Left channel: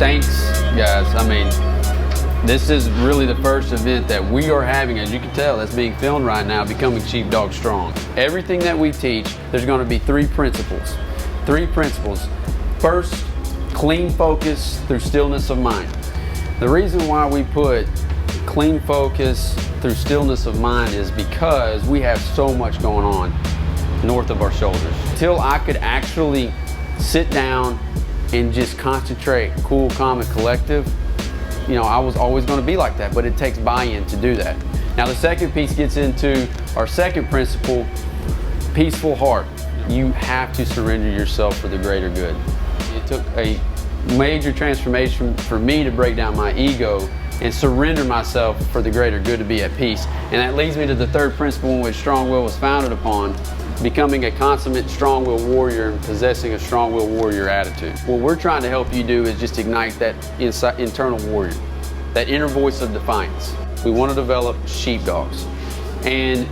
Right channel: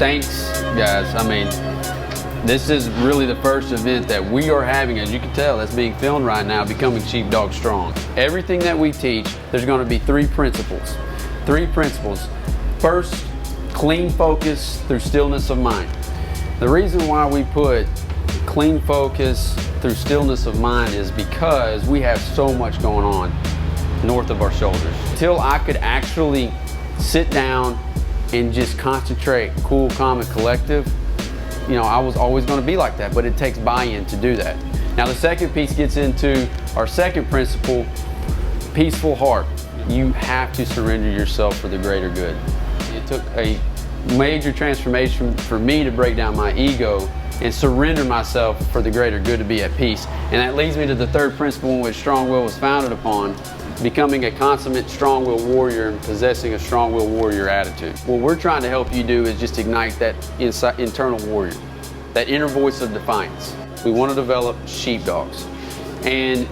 stinks, guys. I mean, this is really the first event that we are having, as you can tell, that's being filmed right now, Becoming Sheepdog Strong. Everything that we teach, there's going to be three principles. First, clean focus through stillness of mind. The reason why we put clean focus through stillness of mind is because we have so much going on north of our shoulders. Until I could actually sit down and just concentrate, cool, calm, and collective, you know, I was always going to be like that, but it takes buy-in to do that. Now the second piece gets into our second principle, peaceful heart. You have to surrender yourself for the greater good. It took a major transformation for me to break down my ego and surrender myself for the greater good, to be at peace. And that leads me to the third principle in which Strong Will was founded upon, becoming a consummate strong-willed warrior and possessing a strong-willed warrior attitude. What we're trying to help you do is just ignite that internal warrior, that inner voice of defiance. We want to develop sheepdogs. And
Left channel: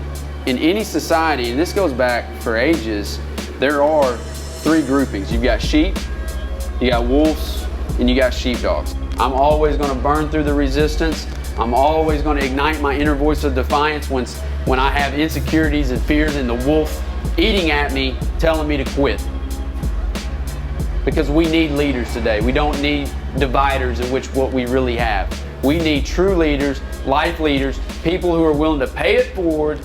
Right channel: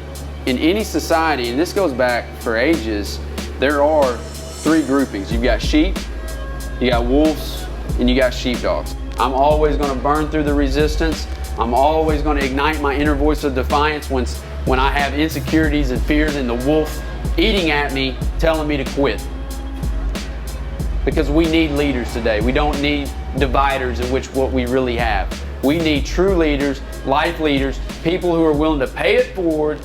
in any society, and this goes back for ages, there are three groupings. You've got sheep, you got wolves, and you got sheepdogs. I'm always going to burn through the resistance. I'm always going to ignite my inner voice of defiance when I have insecurities and fears and the wolf eating at me, telling me to quit. Because we need leaders today. We don't need dividers, in which what we really have. We need true leaders, life leaders, people who are willing to pay it forward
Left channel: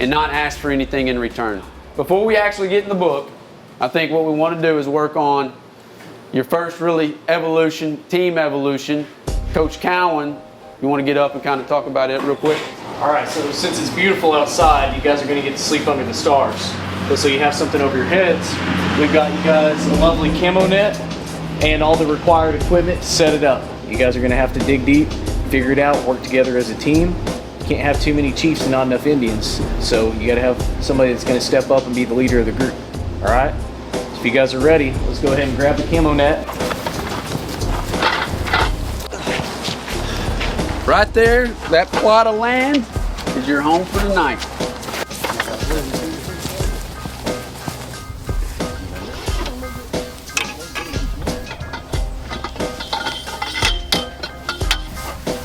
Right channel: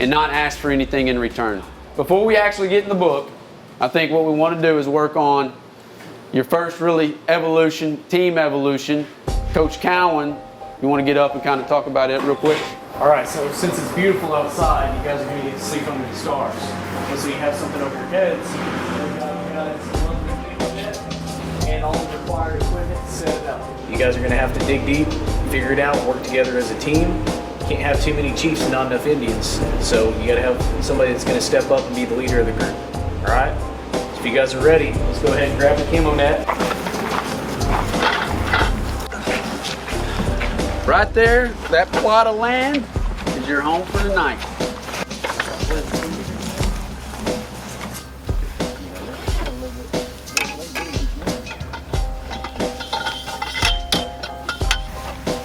and not ask for anything in return. Before we actually get in the book, I think what we want to do is work on your first really evolution, team evolution. Coach Cowan, you want to get up and kind of talk about it real quick? All right, so since it's beautiful outside, you guys are going to get to sleep under the stars. Okay, so you have something over your heads. We've got you guys a lovely camo net and all the required equipment to set it up. You guys are going to have to dig deep, figure it out, work together as a team. You can't have too many chiefs and not enough Indians. So you got to have somebody that's going to step up and be the leader of the group. All right? So if you guys are ready, let's go ahead and grab the camo net. Right there, that plot of land is your home for the night.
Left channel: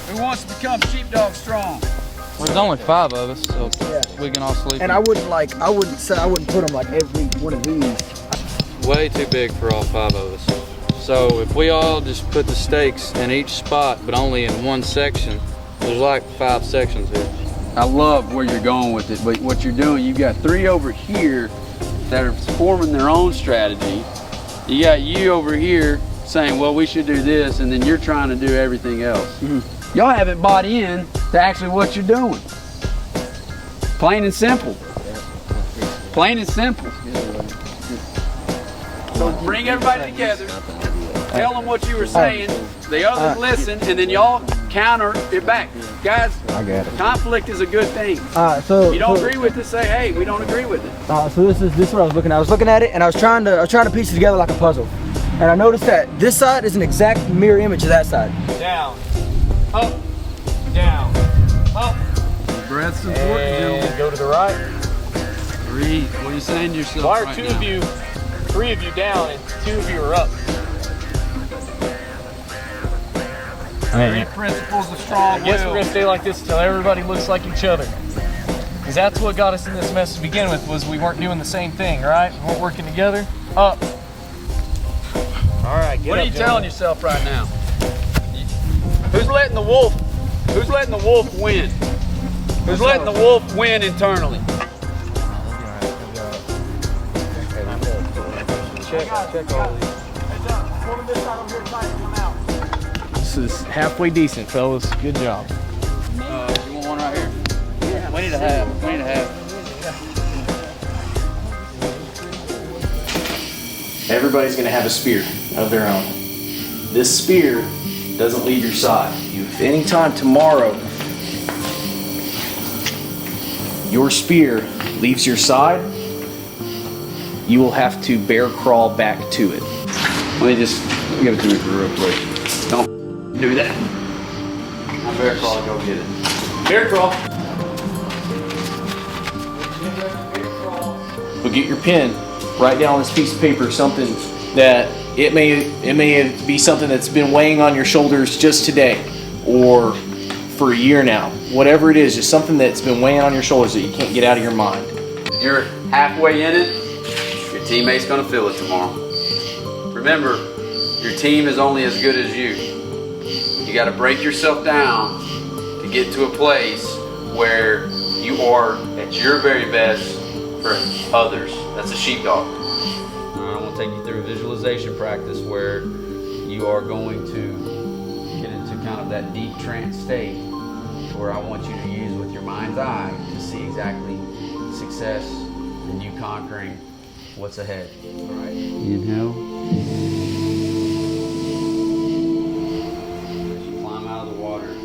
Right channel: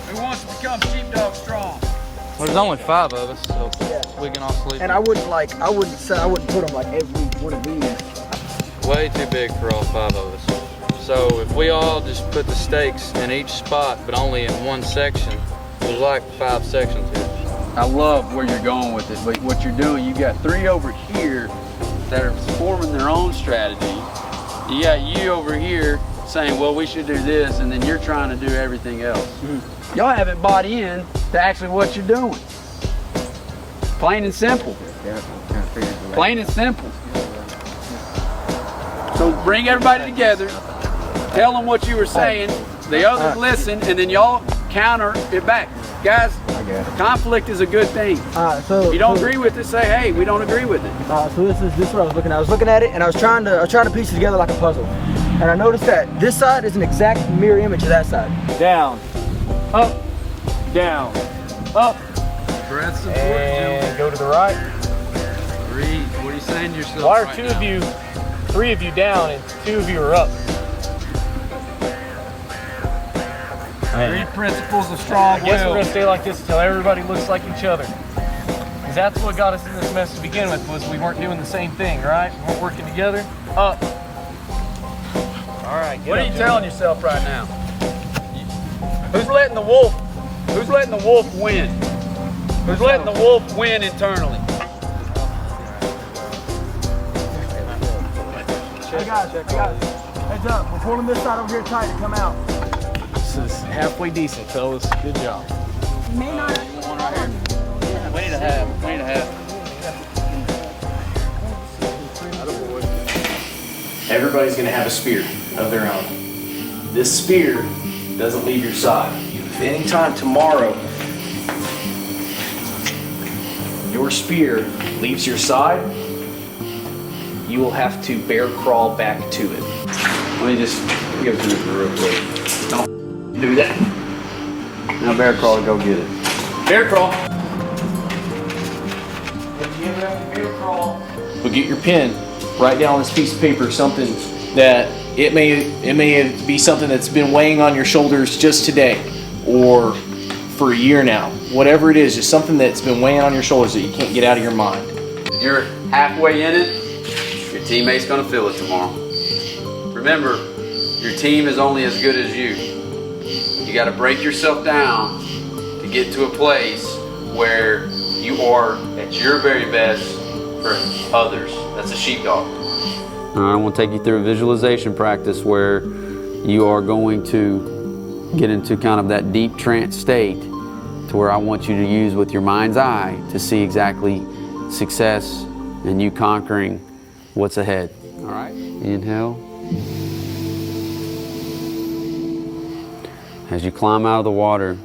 Who wants to become Sheepdog Strong? Well, there's only 5 of us, so we can all sleep. And I wouldn't put them like every one of these. Way too big for all 5 of us. So if we all just put the stakes in each spot, but only in one section, there's like 5 sections here. I love where you're going with it, but what you're doing, you've got 3 over here that are forming their own strategy. You got you over here saying, well, we should do this, and then you're trying to do everything else. Y'all haven't bought in to actually what you're doing. Plain and simple. Plain and simple. So bring everybody together, tell them what you were saying, the others listen, and then y'all counter it back. Guys, conflict is a good thing. So you don't agree with it, say, hey, we don't agree with it. So this is what I was looking at. I was looking at it and I was trying to piece it together like a puzzle. And I noticed that this side is an exact mirror image of that side. Down, up, down, up, and go to the right. Why are 3 of you down and 2 of you are up? I guess we're going to stay like this until everybody looks like each other. Because that's what got us in this mess to begin with, was we weren't doing the same thing, right? We weren't working together. Up. Alright. What are you telling yourself right now? Who's letting the wolf win? Who's letting the wolf win internally? Heads up. We're pulling this side over here tight and come out. This is halfway decent, fellas. Good job. One right here. Everybody's going to have a spear of their own. This spear doesn't leave your side. If anytime tomorrow your spear leaves your side, you will have to bear crawl back to it. Let me just give it to me real quick. Don't do that. Now bear crawl, go get it. Bear crawl. We'll get your pen. Write down on this piece of paper something that It may be something that's been weighing on your shoulders just today, or for a year now. Whatever it is, just something that's been weighing on your shoulders that you can't get out of your mind. If you're halfway in it, your teammate's gonna feel it tomorrow. Remember, your team is only as good as you. You gotta break yourself down to get to a place where you are at your very best for others. That's a sheepdog. All right, I want to take you through a visualization practice where you are going to get into kind of that deep trance state to where I want you to use with your mind's eye to see exactly success and you conquering what's ahead. All right, inhale. As you climb out of the water,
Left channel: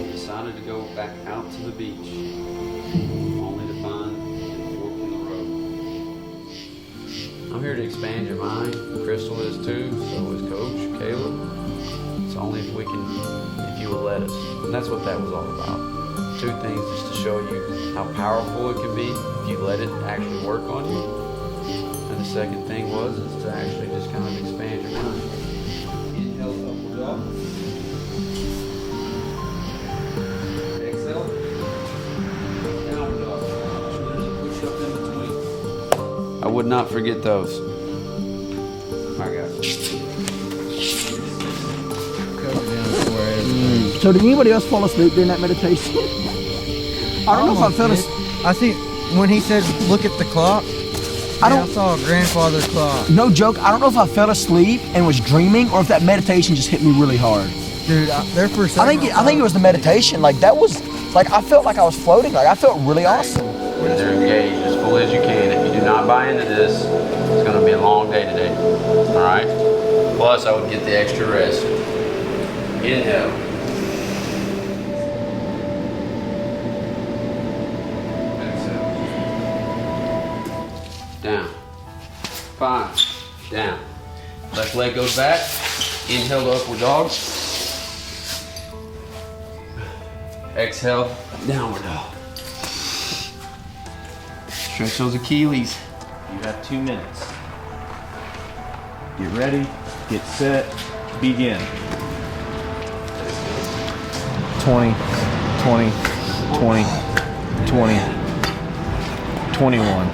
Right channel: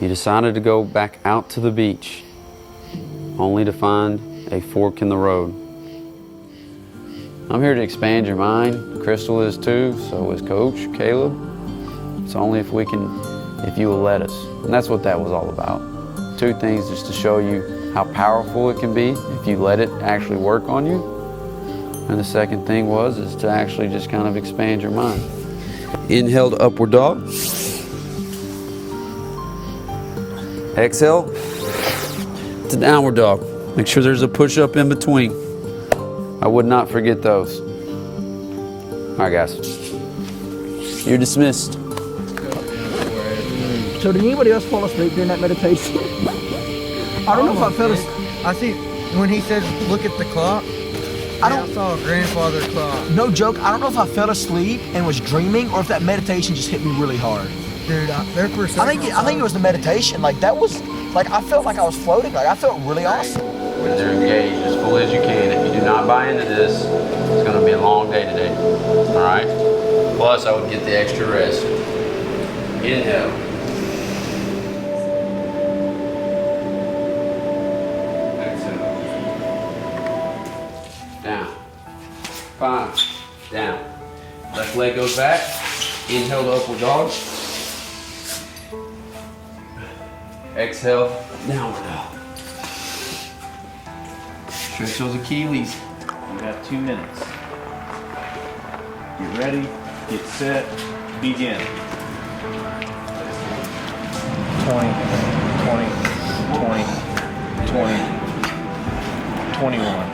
you decided to go back out to the beach only to find a fork in the road. I'm here to expand your mind. Crystal is too, so is Coach Caleb. It's only if you will let us. And that's what that was all about. Two things just to show you how powerful it can be if you let it actually work on you. And the second thing is to actually just kind of expand your mind. Inhale to upward dog. Exhale to downward dog. Make sure there's a push-up in between. I would not forget those. All right, guys. You're dismissed. So did anybody else fall asleep during that meditation? I don't know if I fell asleep. I see when he says, look at the clock. I saw a grandfather's clock. No joke, I don't know if I fell asleep and was dreaming or if that meditation just hit me really hard. Dude, there for a second. I think it was the meditation. Like that was, like I felt like I was floating. Like I felt really awesome. When they're engaged as fully as you can. If you do not buy into this, it's going to be a long day today. All right? Plus, I would get the extra rest. Inhale. Down. 5. Down. Left leg goes back. Inhale to upward dog. Exhale, downward dog. Stretch those Achilles. You got 2 minutes. Get ready, get set, begin. 20, 20, 20, 20, 21.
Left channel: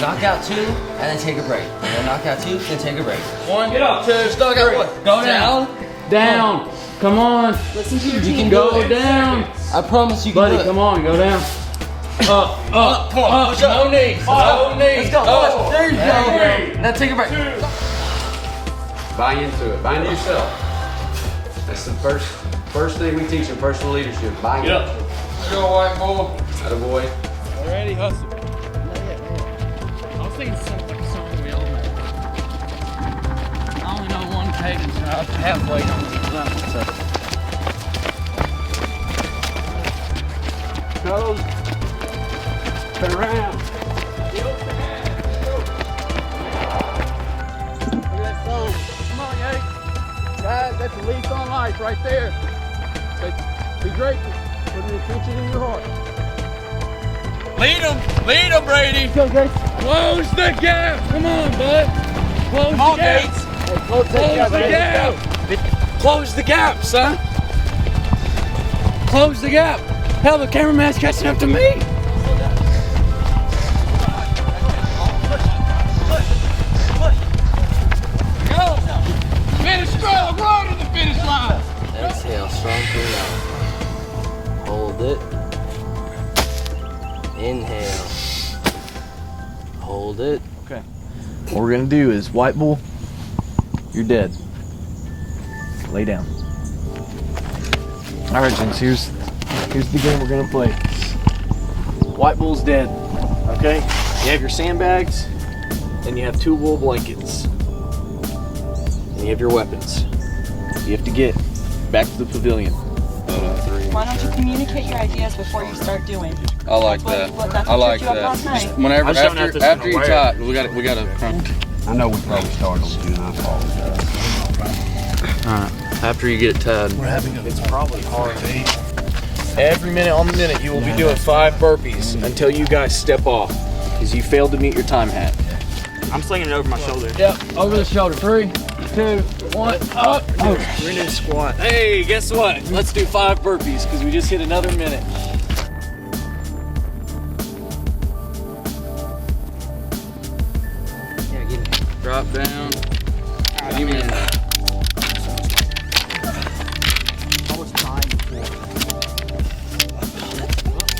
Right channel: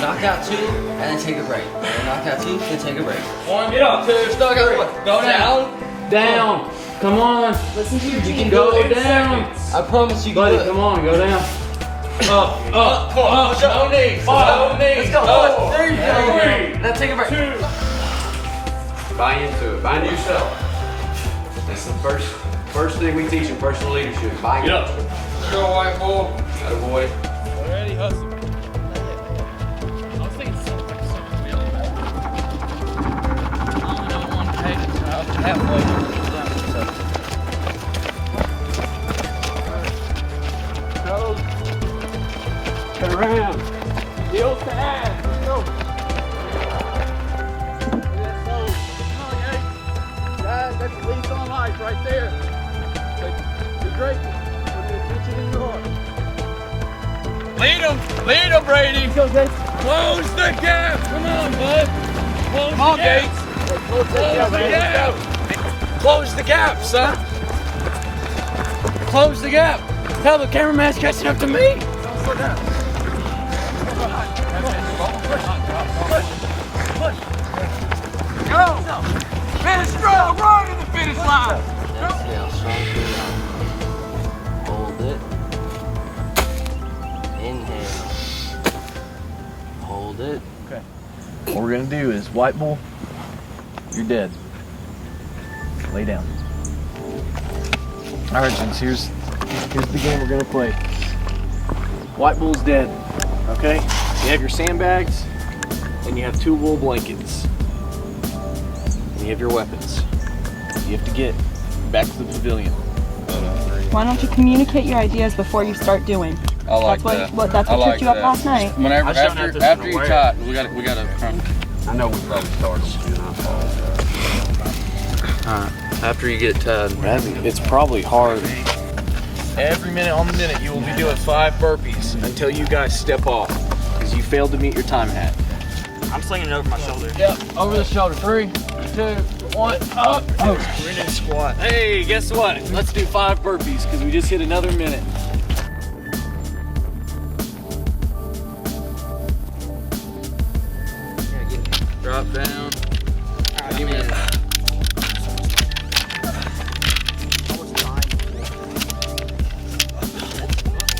Knock out 2 and then take a break. And then knock out 2 and take a break. 1, 2, knock out 3. Go down. Down. Come on. You can Go down. I promise you can Buddy, do it. come on, go down. Up. Come on. Push up. No knees. No knees. Let's go. Up. There you go. Now take a break. Buy into it. Buy into yourself. That's the first thing we teach in personal leadership. Buy into it. Go, white boy. Atta boy. Ready, hustle. I'll sing something song we all know. I only know one page. Halfway on each level, so. Go. Turn around. Heel to ass. Go. Look at that song. Come on, Yank. Guys, that's the lead on life right there. Be grateful for the attention in your heart. Lead him, Brady. Close the gap. Come on, bud. Close the gap. Close the gap. Close the gap, son. Close the gap. Hell, the cameraman's catching up to me. Go. Finish strong. Run to the finish line. Exhale, strong through now. Hold it. Inhale. Hold it. Okay. What we're gonna do is white bull, you're dead. Lay down. Alright, James, here's the game we're gonna play. White bull's dead. Okay? You have your sandbags, and you have 2 wool blankets. And you have your weapons. You have to get back to the pavilion. Why don't you communicate your ideas before you start doing? I like that's that. What tripped you up last night. Whenever after you tie, we gotta. I know we probably started. After you get tied. It's probably hard. Every minute on the minute, you will be doing 5 burpees until you guys step off. Because because you failed to meet your time hat. I'm slinging it over my shoulder. Yep, over the shoulder. 3, 2, 1, up. Oh. We're gonna squat. Hey, guess what? Let's do 5 burpees because we just hit another minute. Drop down. Give me that.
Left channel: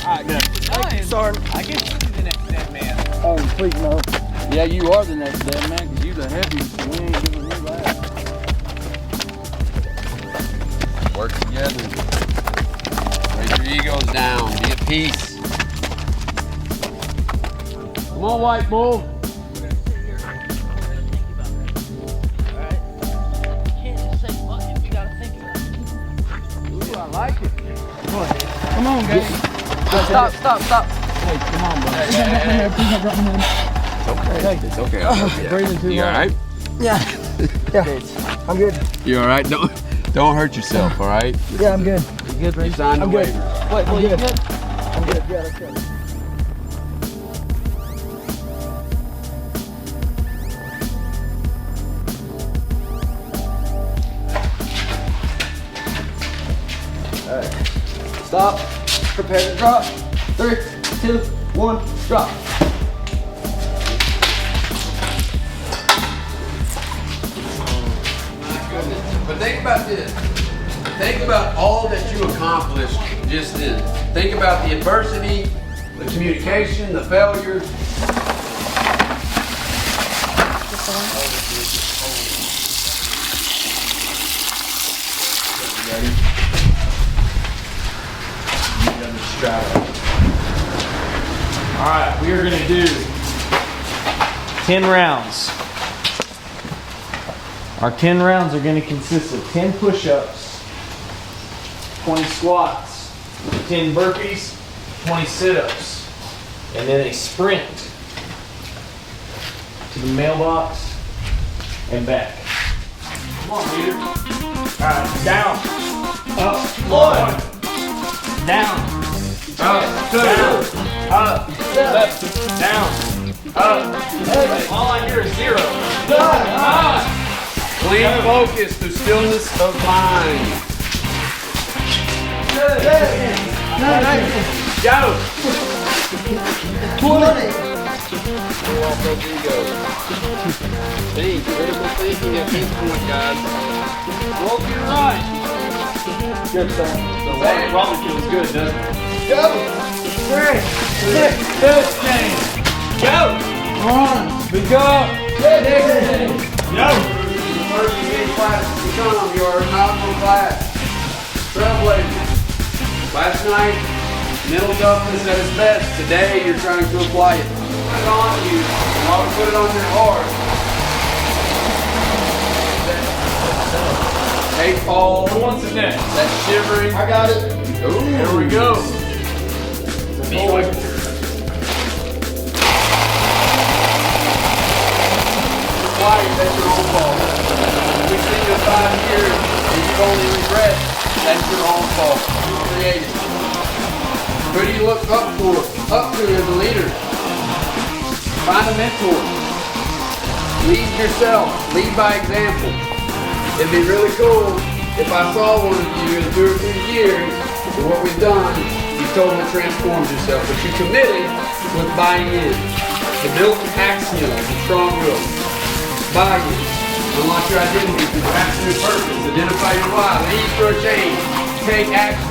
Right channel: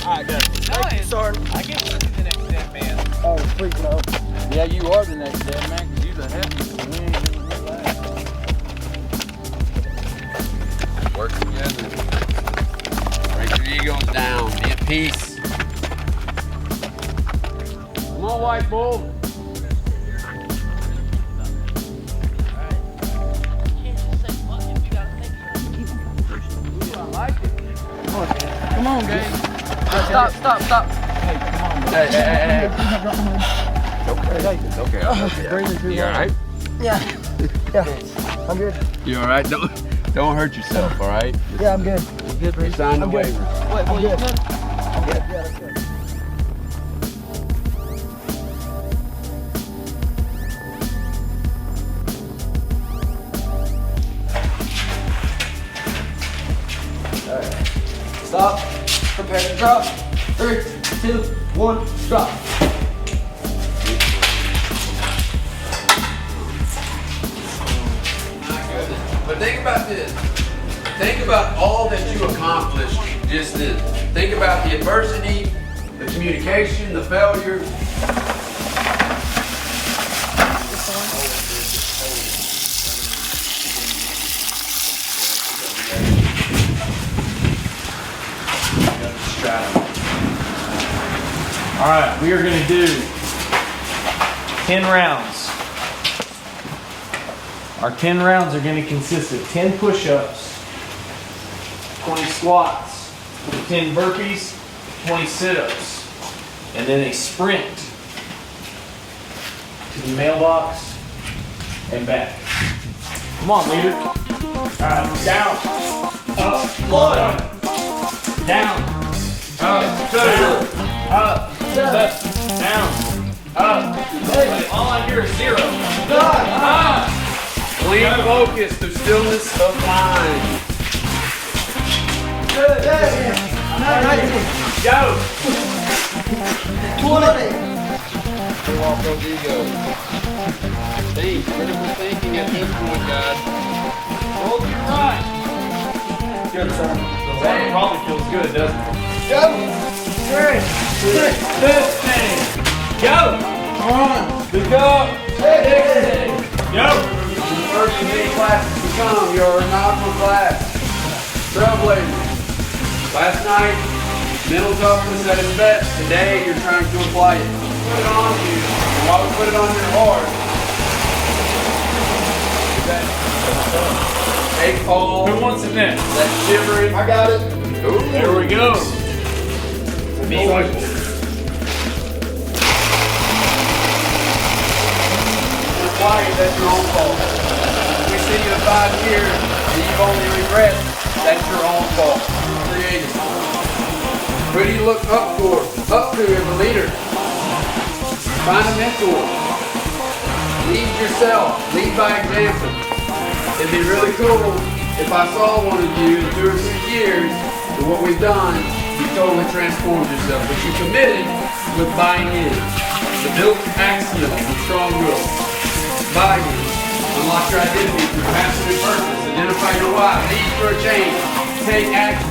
Alright, good. Nice. Sorry. I get the next man, man. Oh, please no. Yeah, you are the next dead man. You the heaviest. We ain't giving you that. Work together. Break your egos down. Be at peace. Come on, white bull. Stop. Hey. It's okay. You alright? Yeah. I'm good. You alright? Don't hurt yourself, alright? Yeah, I'm good. It's on the way. I'm good. Yeah, that's good. Stop. Prepare to drop. 3, 2, 1, drop. But think about this. Think about all that you accomplished just then. Think about the adversity, the communication, the failures. All right, we are going to do 10 rounds. Our 10 rounds are going to consist of 10 push-ups, 20 squats, 10 burpees, 20 sit-ups, and then a sprint to the mailbox and back. Come on, leader. All right, down, up, 1, down, up, down, up, down, up. Hey, all I hear is 0. Clean focus through stillness of mind. Go. The water probably feels good, doesn't it? Good. Speak up. Go. First community class has become your novel class. Trailblazer. Last night, mental toughness at its best. Today, you're trying to apply it. Put it on you. While we put it on there hard. Take all Who wants it then? that shivering. I got it. Here we go. Quiet, that's your own fault. You see the 5 years and you've only regret, that's your own fault. You created. Who do you look up to as a leader? Find a mentor. Lead yourself. Lead by example. It'd be really cool if I saw one of you in 2 or 3 years and what we've done, you totally transformed yourself. But you committed with buying in. The built axiom of strong will. Buy in. Unlock your identity through absolute purpose. Identify your why. Lead for a change. Take action.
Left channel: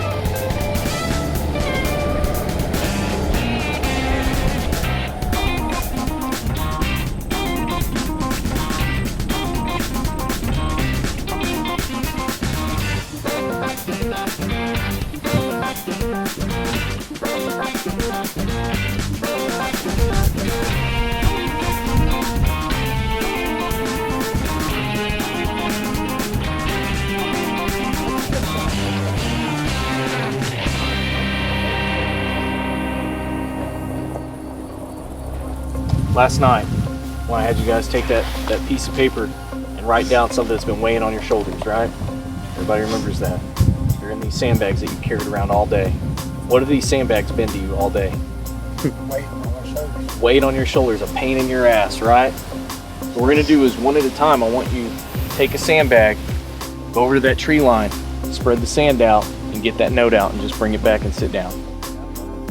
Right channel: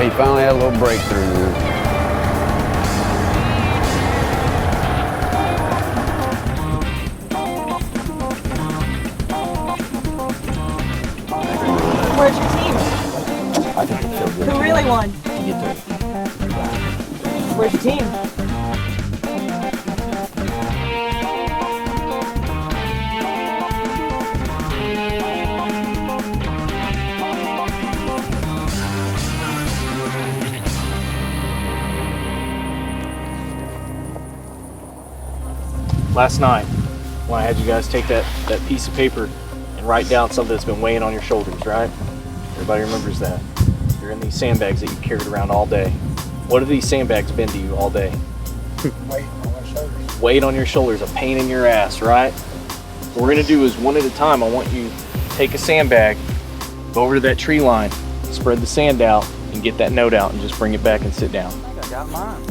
He finally had a little breakthrough. Where's your team? Who really won? Where's your team? last night when I had you guys take that piece of paper and write down something that's been weighing on your shoulders, right? Everybody remembers that. You're in these sandbags that you carried around all day. What have these sandbags been to you all day? Weight on my shoulders. Weight on your shoulders, a pain in your ass, right? What we're gonna do is one at a time. I want you to take a sandbag, go over to that tree line, spread the sand out, and get that note out and just bring it back and sit down. I got mine.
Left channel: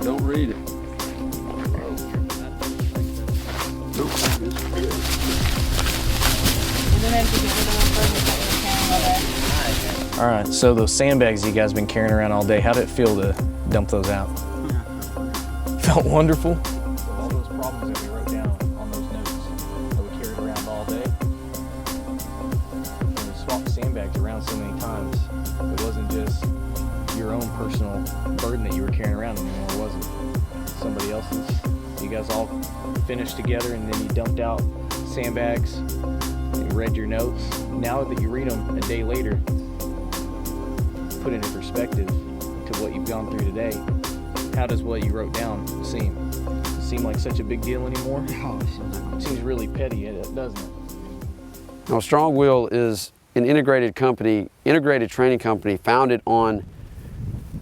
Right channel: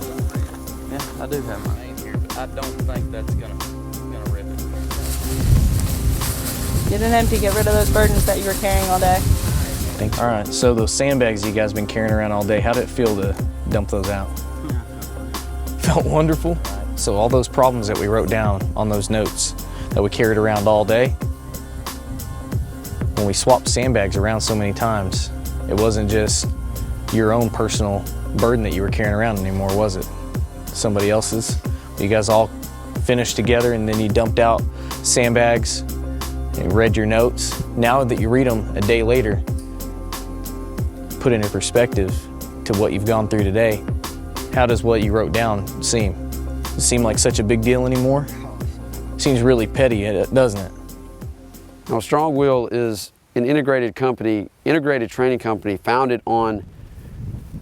Don't read it. Yeah, I do have a name here. I don't think that's Get an empty, get rid of those burdens that you were carrying all day. All right, so those sandbags you guys been carrying around all day, how did it feel to dump those out? Felt wonderful. So all those problems that we wrote down on those notes that we carried around all day, when we swapped sandbags around so many times, it wasn't just your own personal burden that you were carrying around anymore, was it? Somebody else's. You guys all finished together and then you dumped out sandbags and read your notes. Now that you read them a day later, put it in perspective to what you've gone through today, how does what you wrote down seem? Does it seem like such a big deal anymore? It seems really petty, doesn't it? Now, Strongwill is an integrated company, integrated training company founded on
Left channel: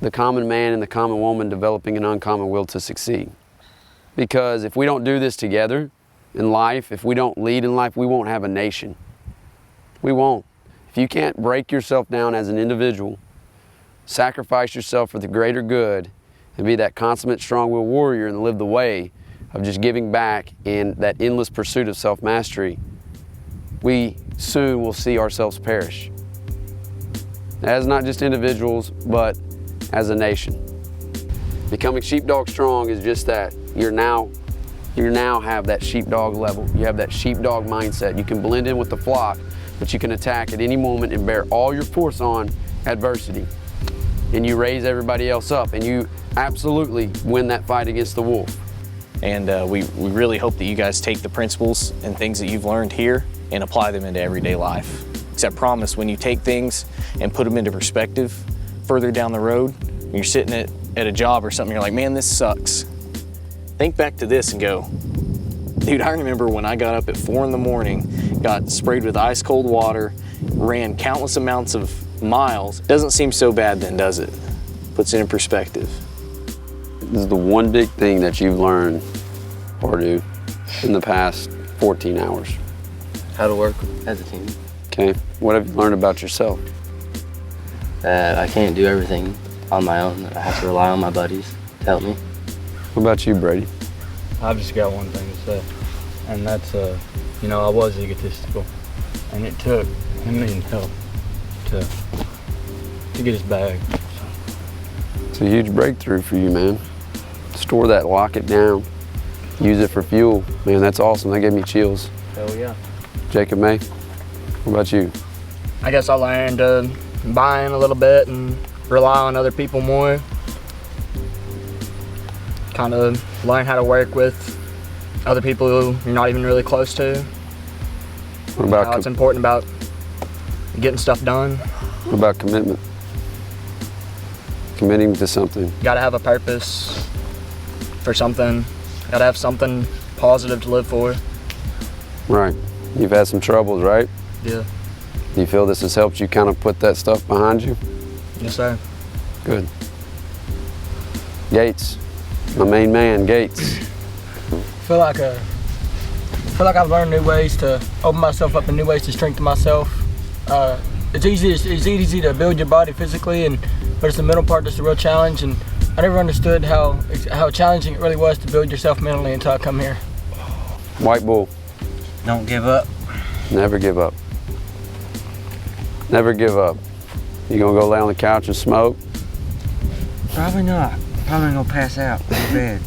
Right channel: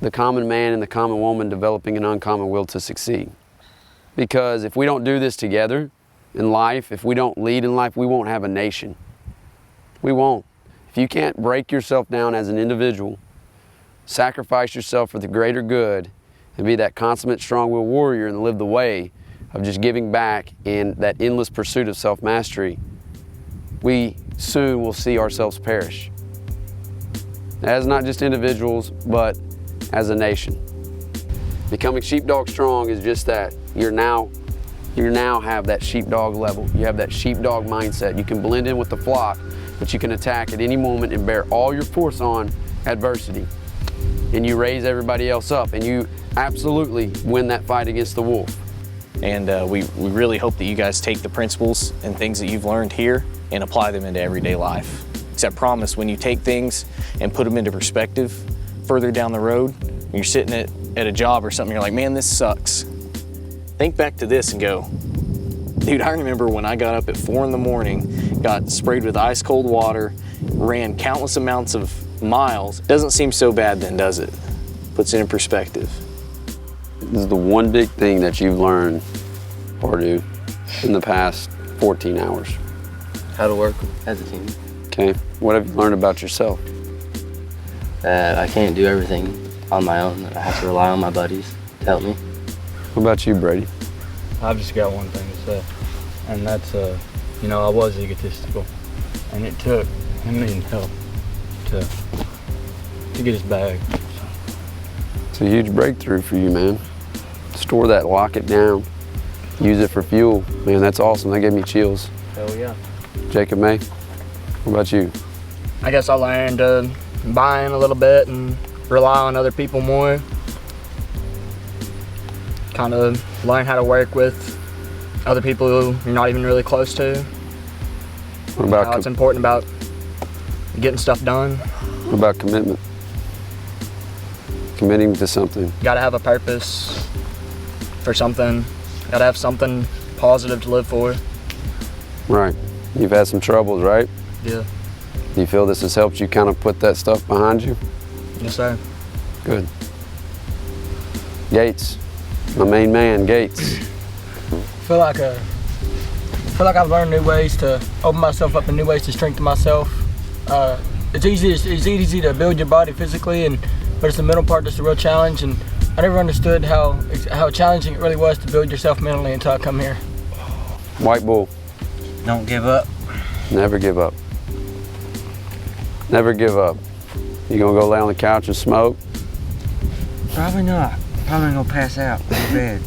the common man and the common woman developing an uncommon will to succeed. Because if we don't do this together in life, if we don't lead in life, we won't have a nation. We won't. If you can't break yourself down as an individual, sacrifice yourself for the greater good, and be that consummate strong-willed warrior and live the way of just giving back in that endless pursuit of self-mastery, we soon will see ourselves perish. As not just individuals, but as a nation. Becoming sheepdog strong is just that. You now have that sheepdog level. You have that sheepdog mindset. You can blend in with the flock, but you can attack at any moment and bear all your force on adversity. And you raise everybody else up, and you absolutely win that fight against the wolf. And we really hope that you guys take the principles and things that you've learned here and apply them into everyday life. Except promise, when you take things and put them into perspective further down the road, when you're sitting at a job or something, you're like, man, this sucks. Think back to this and go, dude, I remember when I got up at 4 in the morning, got sprayed with ice cold water, ran countless amounts of miles. Doesn't seem so bad then, does it? Puts it in perspective. This is the one big thing that you've learned, Pardew, in the past 14 hours. how to work as a team. Okay, what have you learned about yourself? That I can't do everything on my own. I have to rely on my buddies to help me. What about you, Brady? I've just got one thing to say, and that's, you know, I was egotistical, and it took him needing help to get his bag. It's a huge breakthrough for you, man. Store that, lock it down, use it for fuel. Man, that's awesome. That gave me chills. Hell yeah. Jacob May, what about you? I guess I learned to buy in a little bit and rely on other people more. Kind of learn how to work with other people who you're not even really close to. What about How it's important about getting stuff done. What about commitment? Committing to something. You gotta have a purpose for something. Gotta have something positive to live for. Right. You've had some troubles, right? Yeah. Do you feel this has helped you kind of put that stuff behind you? Yes, sir. Good. Gates, my main man, Gates. I feel like I've learned new ways to open myself up and new ways to strengthen myself. It's easy to build your body physically, but it's the mental part that's the real challenge. And I never understood how challenging it really was to build yourself mentally until I come here. White Bull, Don't give up. never give up. Never give up. You gonna go lay on the couch and smoke? Probably not. Probably gonna pass out in bed.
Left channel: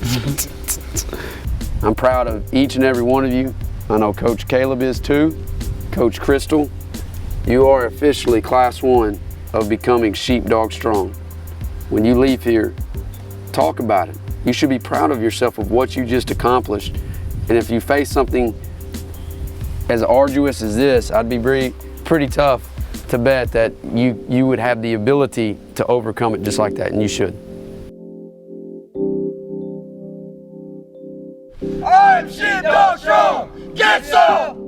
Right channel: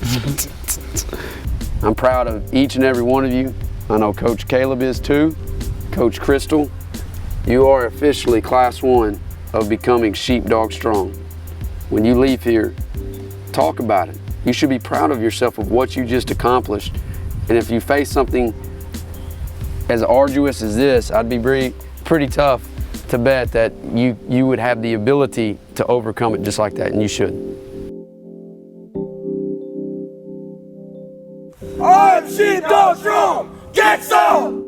I'm proud of each and every one of you. I know Coach Caleb is too. Coach Crystal, you are officially Class 1 of becoming Sheepdog Strong. When you leave here, talk about it. You should be proud of yourself of what you just accomplished. And if you face something as arduous as this, I'd be pretty tough to bet that you would have the ability to overcome it just like that, and you should. Aye! Sheepdog strong! Get some!